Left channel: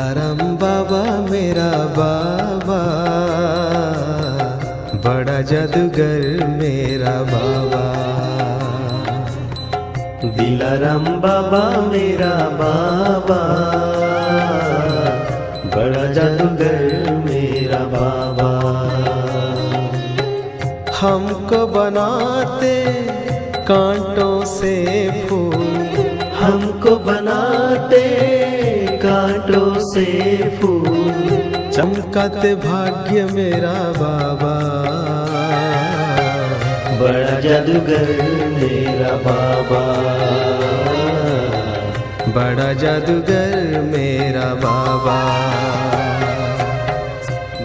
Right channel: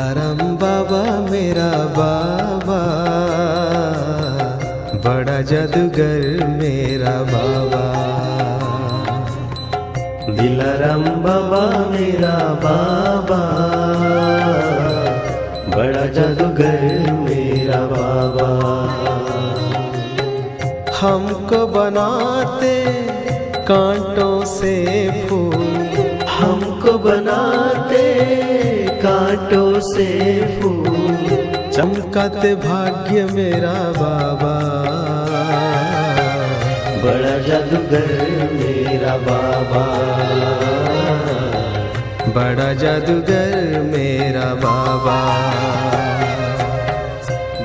दिलाराम बाबा मेरा बाबा, बड़ा जादूगर मेरा बाबा। दिलाराम बाबा मेरा बाबा, बड़ा जादूगर मेरा बाबा। हमको बनाते कांटों से फूल, हमको बनाते कांटों से फूल, चमकाते भाग्य मेरा बाबा, बड़ा जादूगर मेरा बाबा, बड़ा जादूगर मेरा बाबा।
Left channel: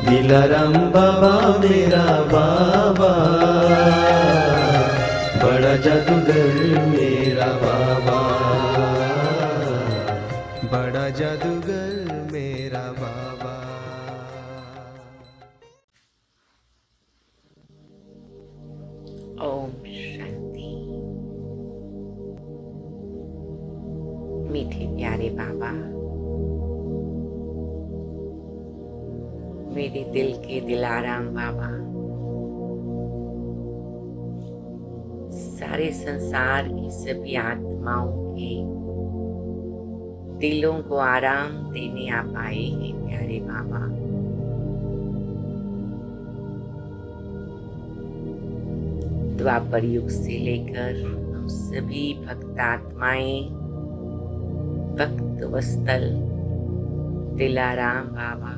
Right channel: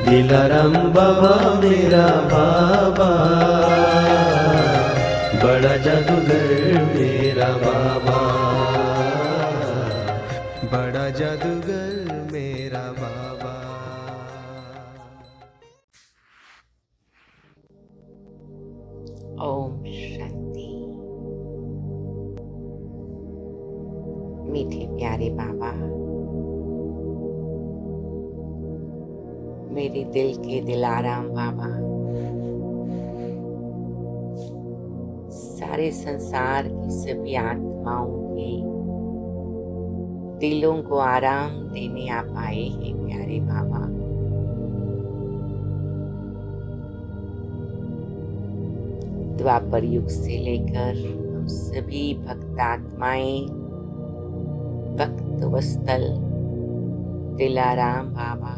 दिलाराम बाबा मेरा बाबा, बड़ा जादूगर मेरा बाबा, बड़ा जादूगर मेरा बाबा। ओम शांति। मीठे प्यारे बाबा, मेरे दिल के दिलाराम बाबा, सारे संसार की सभी आत्माओं के दिलों को आराम देने आप आए हैं प्यारे बाबा। द्वापर युग से लेकर हम सभी भक्त आत्माएं भक्त वत्सल दिलाराम बाबा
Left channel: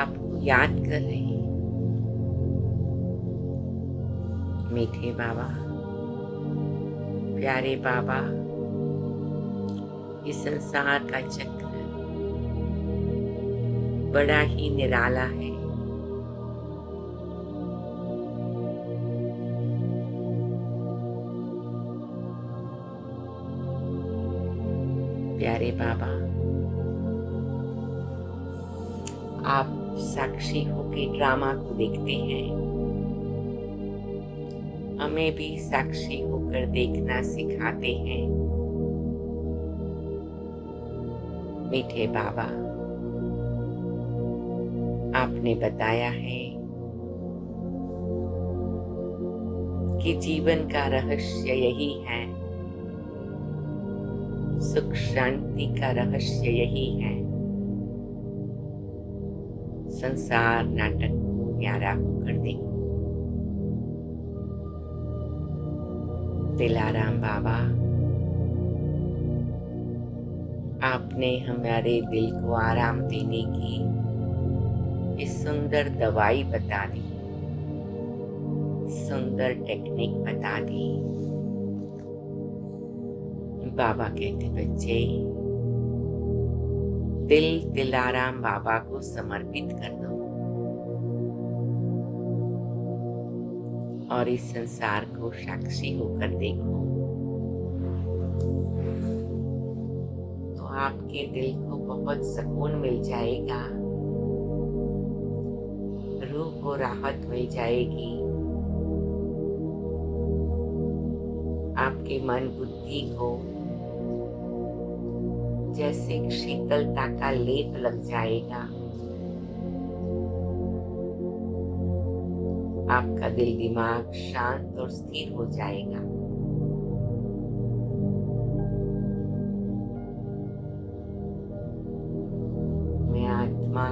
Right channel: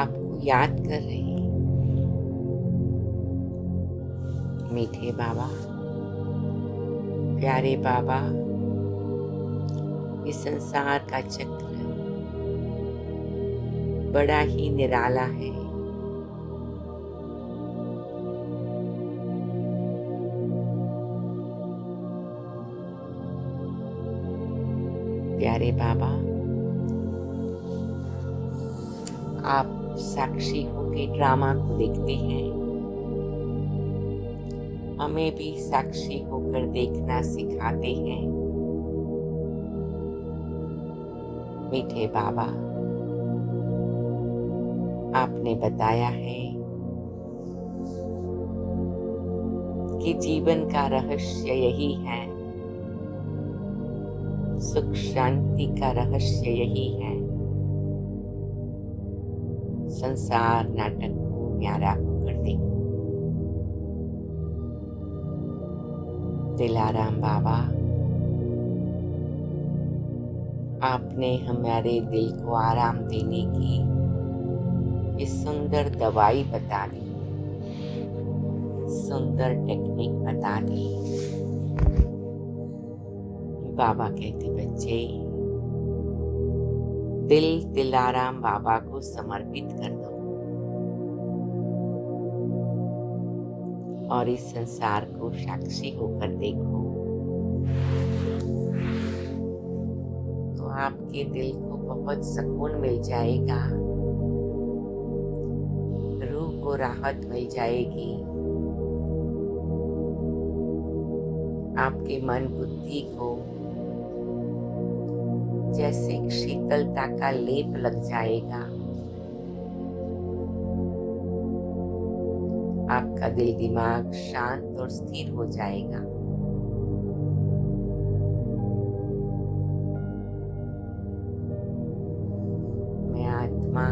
आपको याद कर रहे हैं। मीठे बाबा, प्यारे बाबा, इस संसार का चक्र बड़ा ही निराला है। प्यारे बाबा, आप साक्षी होके ड्रामा को देखते हैं, हमें भी साक्षी होकर देखना सिखाते हैं। मीठे बाबा, आपने बताया है कि जीवन का रहस्य यही है, सुख शांति का रहस्य यही है। संसार नाटक को न्यारा होकर देखो। दिलाराम बाबा, आपने हमारे दिल को आराम देने की ये सुंदर दवाई बता दी, सुंदर टेक्निक बता दी। बाबा कहते बच्चे, दिल दिलाराम बाबा को समर्पित कर दो और इस संसार को साक्षी होकर देखो, तो आपके दिल को बहुत सुकून मिल जाएगा, रूह को राहत मिल जाएगी, आपके मन बुद्धि को जैसे शीतलता का लेप लग जाएगा। आपका दिल दिमाग शांत और स्थिर हो जाएगा। मैं आत्मा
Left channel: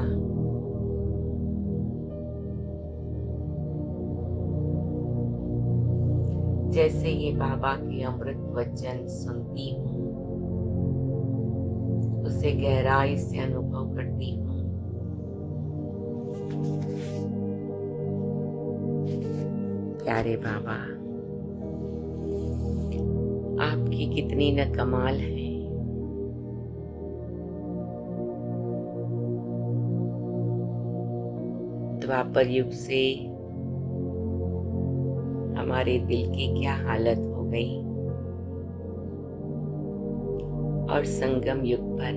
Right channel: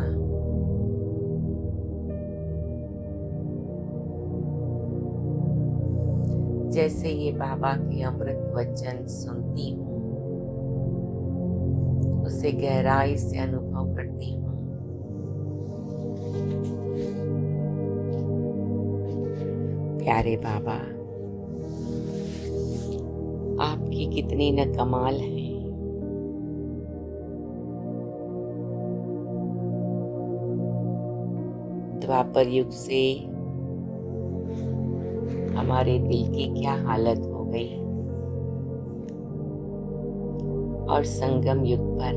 जैसे ये बाबा के अमृत वचन सुनती हूँ, उसे गहराई से अनुभव करती हूँ। प्यारे बाबा, आपकी कितनी न कमाल है। द्वापर युग से हमारे दिल की क्या हालत हो गई और संगम युग पर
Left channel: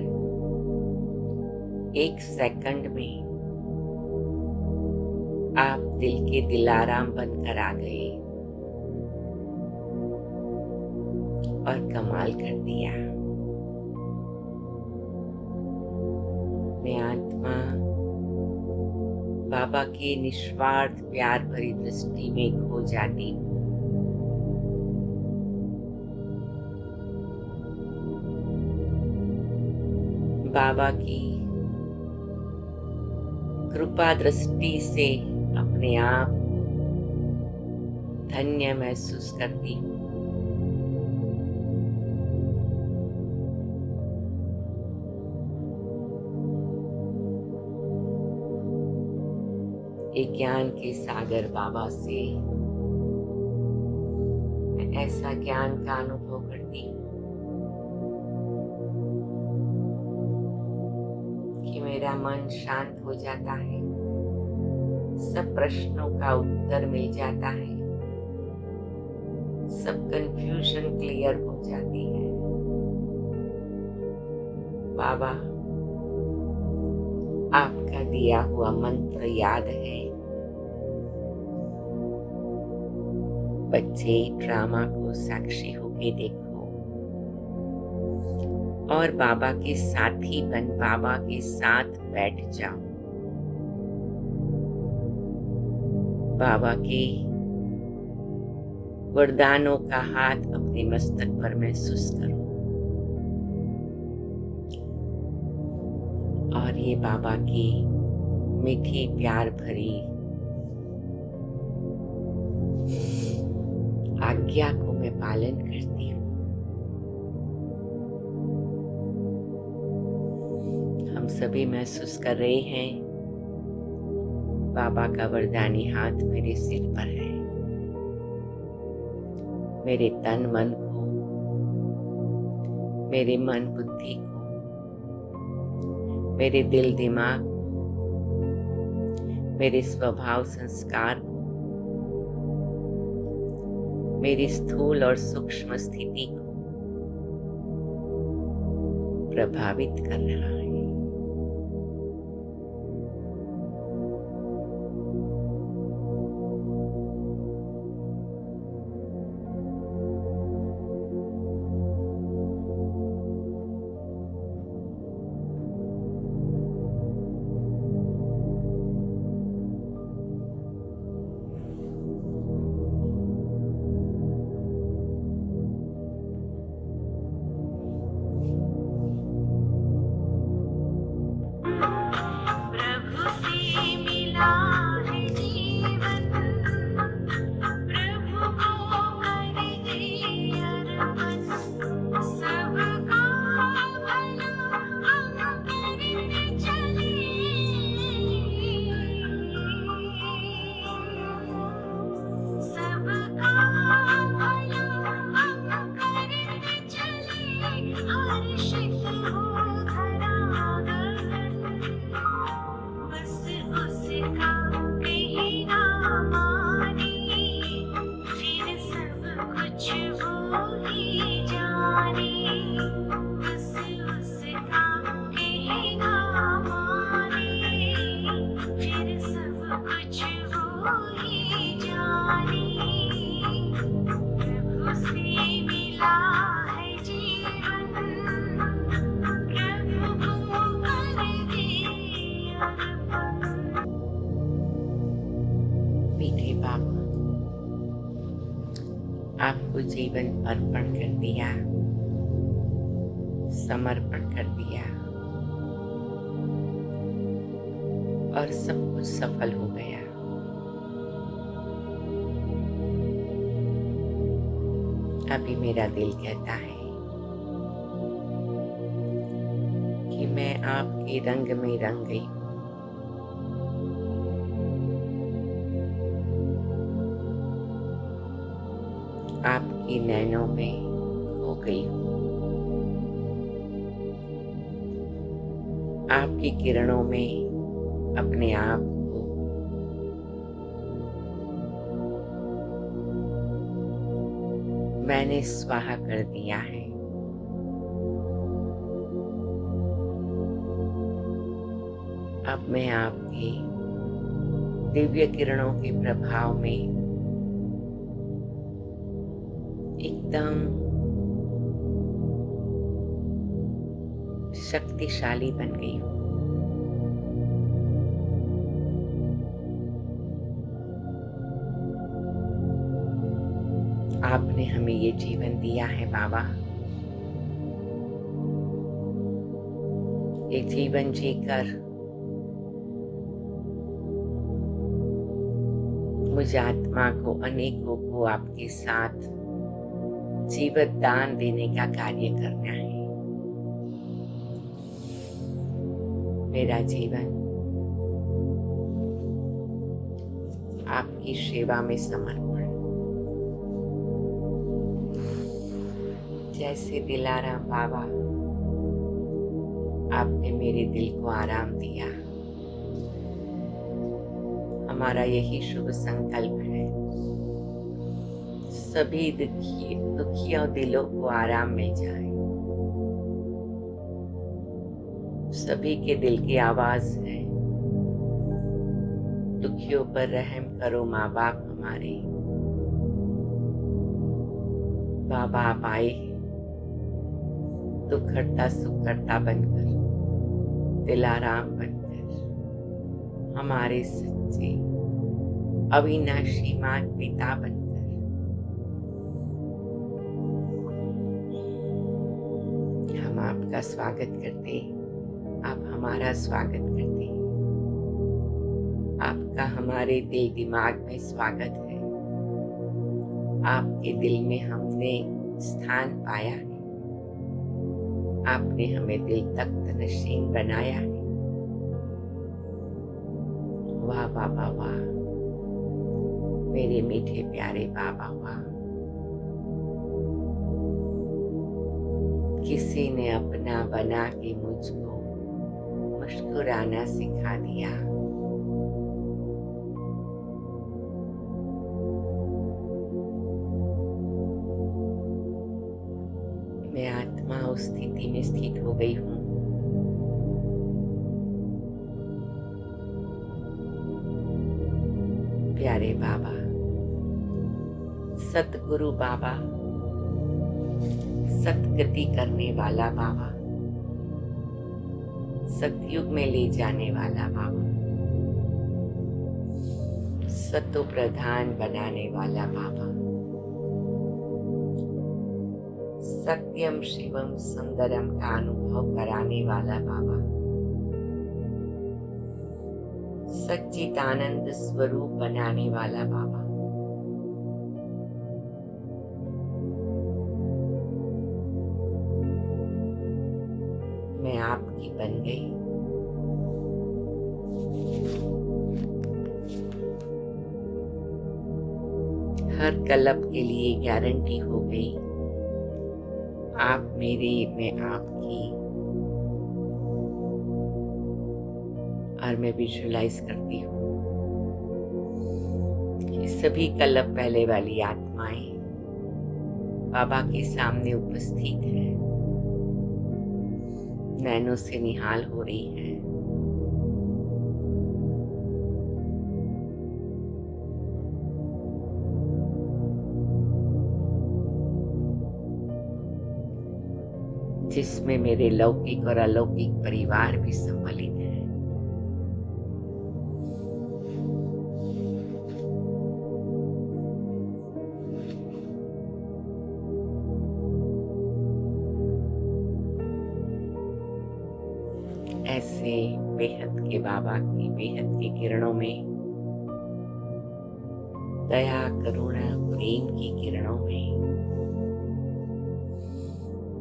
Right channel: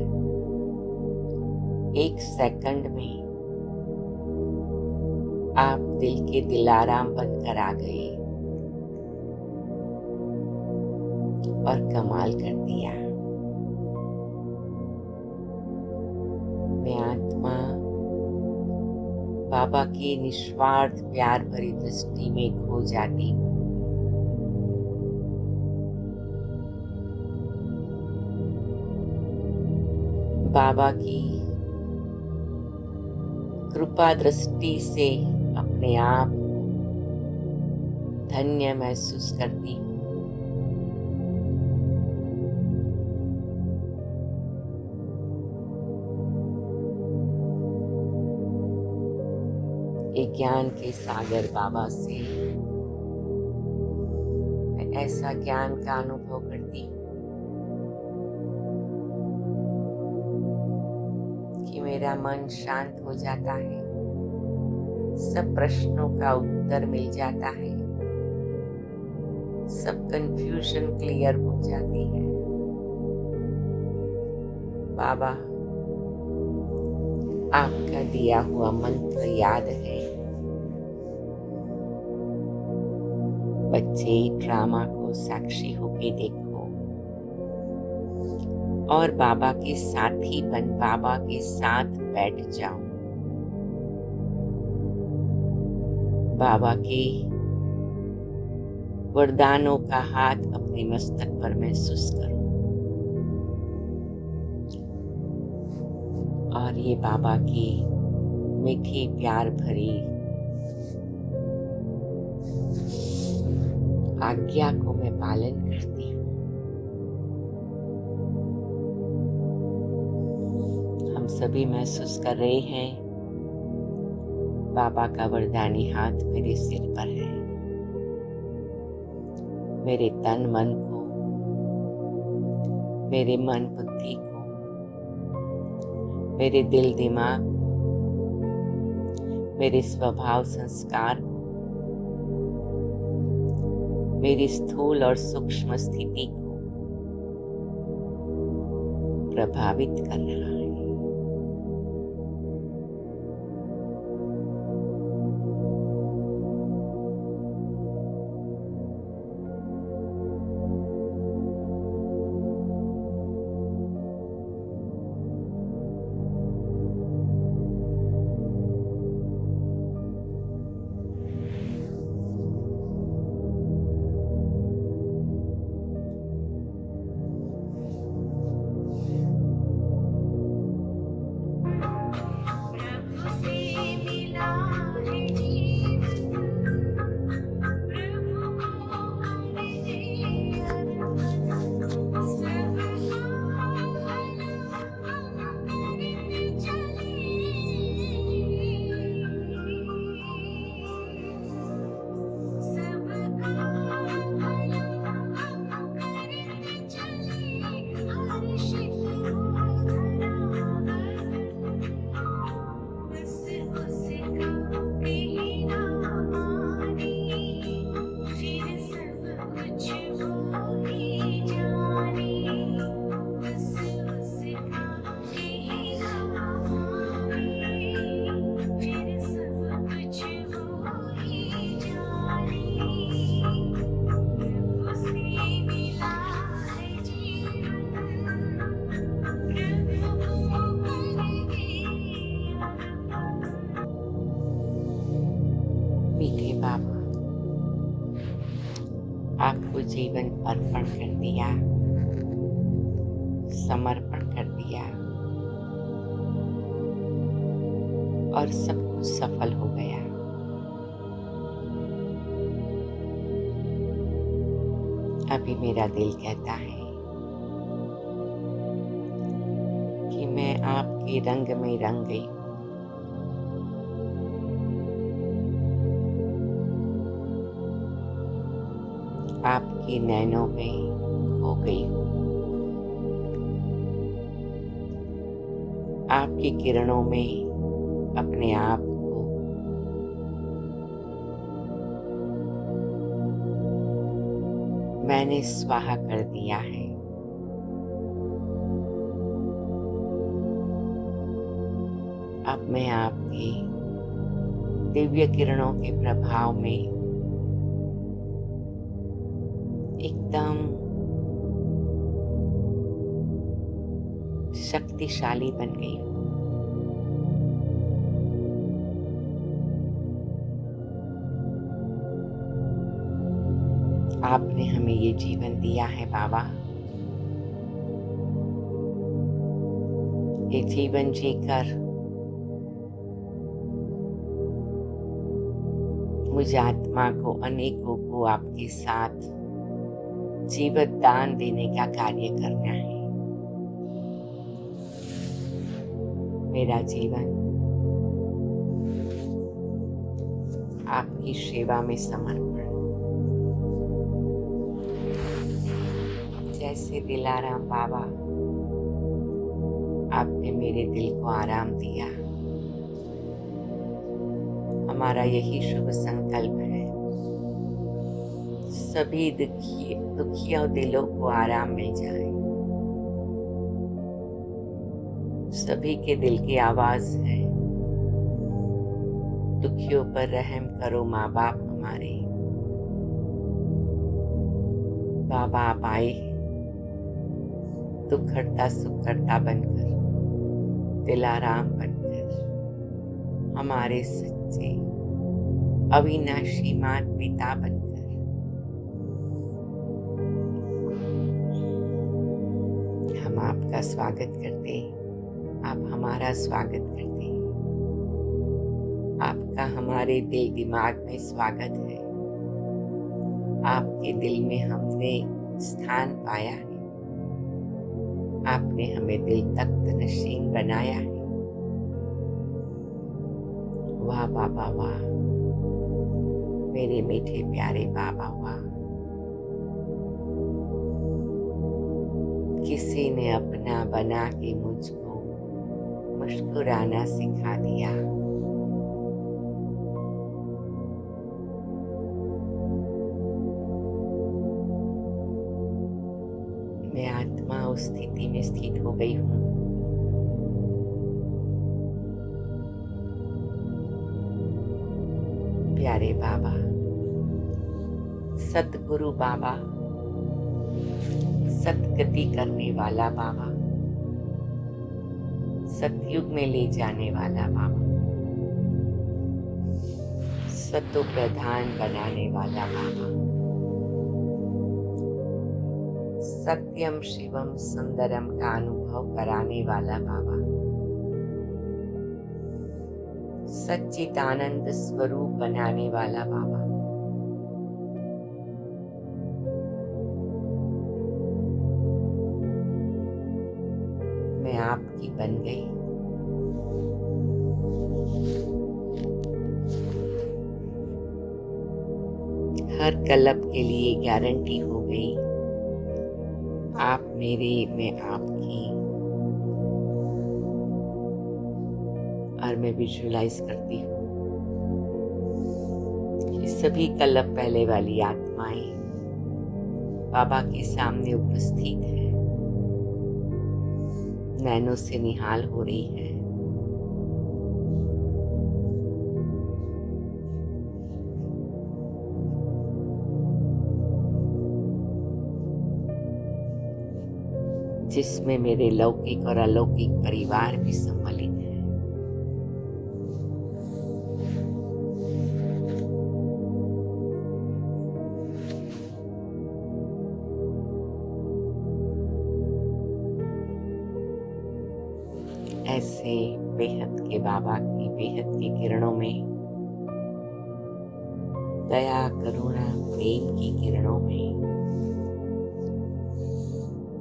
एक सेकंड में आप दिल के दिलाराम बनकर आ गए और कमाल कर दिया। मैं आत्मा बाबा की निस्वार्थ प्यार भरी दृष्टि में खो जाती हूँ। बाबा की कृपा दृष्टि से अपने आप को धन्य महसूस करती हूँ। ये ज्ञान के सागर बाबा से मैं ऐसा ज्ञान का अनुभव करती हूँ कि मेरा मन शांत हो जाता है, सब प्रश्नों का उत्तर मिल जाता है, सब कंफ्यूजन क्लियर हो जाती है। बाबा, आपका दिया हुआ मंत्र याद है। बच्चे ड्रामा को साक्षी होके देखो और बाबा के साथी बन बाबा के साथ बैठ जाओ। बाबा के वरदानों का हाथ अपने मस्तक पर महसूस करो और ये बाबा की मीठी प्यार भरी आज्ञा को मैं पालन करती हूँ। हम सभी महसूस कर रहे हैं बाबा का वरदानी हाथ मेरे सिर पर है। मेरे तन मन को, मेरे मन बुद्धि को, मेरे दिल दिमाग को, मेरे स्वभाव संस्कार को, मेरी स्थूल और सूक्ष्म स्थिति को प्रभावित कर रहा है। मीठे बाबा, आपको जीवन अर्पण कर दिया, समर्पण कर दिया और सब कुछ सफल हो गया। अभी मेरा दिल कहता है कि मैं आपके रंग में रंग गई हूँ। आपकी नैनों में खो गई हूँ। आपकी किरणों में अपने आप को मैंने स्वाहा कर दिया है। अब मैं आपके दिव्य किरणों के प्रभाव में एकदम शक्तिशाली बन गई हूँ। आपने हमें ये जीवन दिया है बाबा। ये जीवन जीकर मुझ आत्मा को, अनेकों को आपके साथ जीवन दान देने का कार्य करना है। मेरा जीवन आपकी सेवा में समर्पण। जैसे दिलाराम बाबा, आपने मेरे दिल को आराम दिया। हमारा यही शुभ संकल्प है, सभी दुखियों दिलों को आराम मिल जाए। सभी के दिल की आवाज है, दुखियों पर रहम करो माँ बाप हमारे। बाबा आप आए दुख हरता सुख करता बनकर, दिलाराम बनकर, हमारे सच्चे अविनाशी मात पिता बनकर। हम आपका स्वागत करते, आप हमारा स्वागत करते हैं। आपका हमारे दिल दिमाग में स्वागत है। आपके दिल में हमने स्थान पाया है। आपने हमें दिल तख्त नशीन बनाया है। वाह बाबा वाह, मेरे मीठे प्यारे बाबा वाह। किसी ने अपना बना के मुझको मुस्कुराना सिखा दिया। मैं आत्मा उस स्थिति में स्थित हो गई हूँ। प्यारे बाबा, सतगुरु बाबा, सतगति करने वाला बाबा, सतयुग में ले जाने वाला बाबा, सतो प्रधान बनाने वाला बाबा, सत्यम शिवम सुंदरम का अनुभव कराने वाला बाबा, सच्चिदानंद स्वरूप बनाने वाला बाबा, मैं आपकी बन गई। हर कलप के लिए गारंटी हो गई, आप मेरे, मैं आपकी। और मैं विजुअलाइज करती हूँ कि सभी कलप पहले वाली आत्माएं बाबा के सामने उपस्थित है, नैनों से निहाल हो रही है। जिसमें मेरे लौकिक और अलौकिक परिवार भी सम्मिलित है। ऐसे बेहद के बाबा की बेहद की किरणों में, दया करुणा प्रेम की किरणों में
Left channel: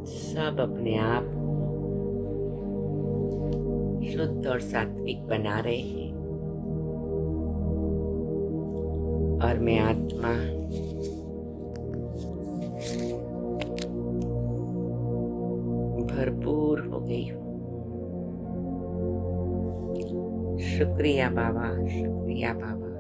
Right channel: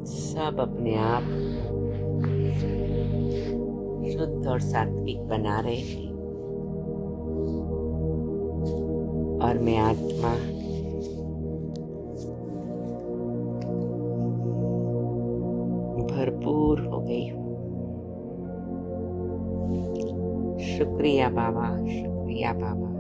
सब अपने आप शुद्ध और सात्विक बना रहे हैं। और मैं आत्मा भरपूर हो गई हूँ। शुक्रिया बाबा, शुक्रिया बाबा।